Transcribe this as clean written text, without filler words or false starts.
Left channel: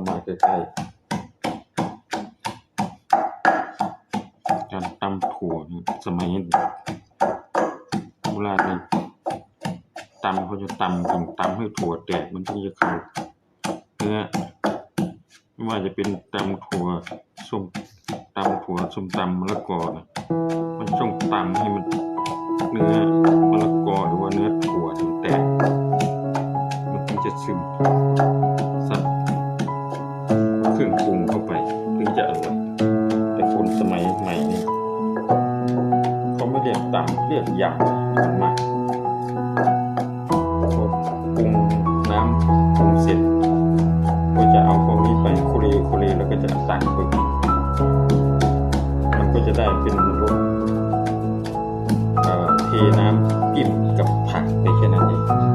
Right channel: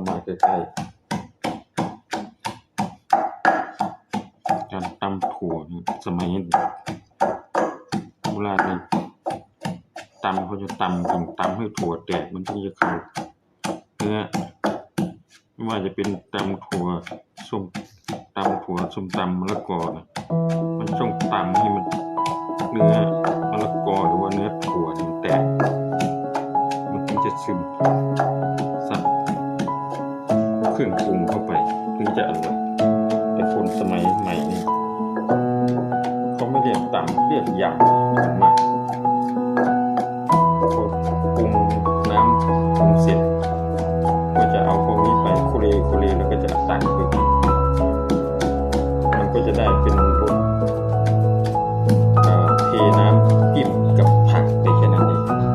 ามาใกล้ๆการตำถั่วสมัยโบราณเนี่ยตำเขาจะตำถึงตำให้ถั่วแตกมันถึงจะเข้าเนื้อไม่ว่าจะเป็นตำถั่วส้มตำมะละกอนะมันต้องตำให้มันเนื้อมะละกอหรือว่าเนื้อถั่วมันแตกมันถึงจะซึมซับเครื่องปรุงเข้าไปถึงจะอร่อยแต่คนสมัยใหม่นี่เขาไม่เรียกตำเรียกยำกันมากพอปรุงน้ำปรุงเสร็จก็จะเอาพวกนี้ไปโคเลแล้วก็จะตักไปมันก็จะได้เป็นรสเทน้ำจิ้มกับผักไปแค่นั้นเอง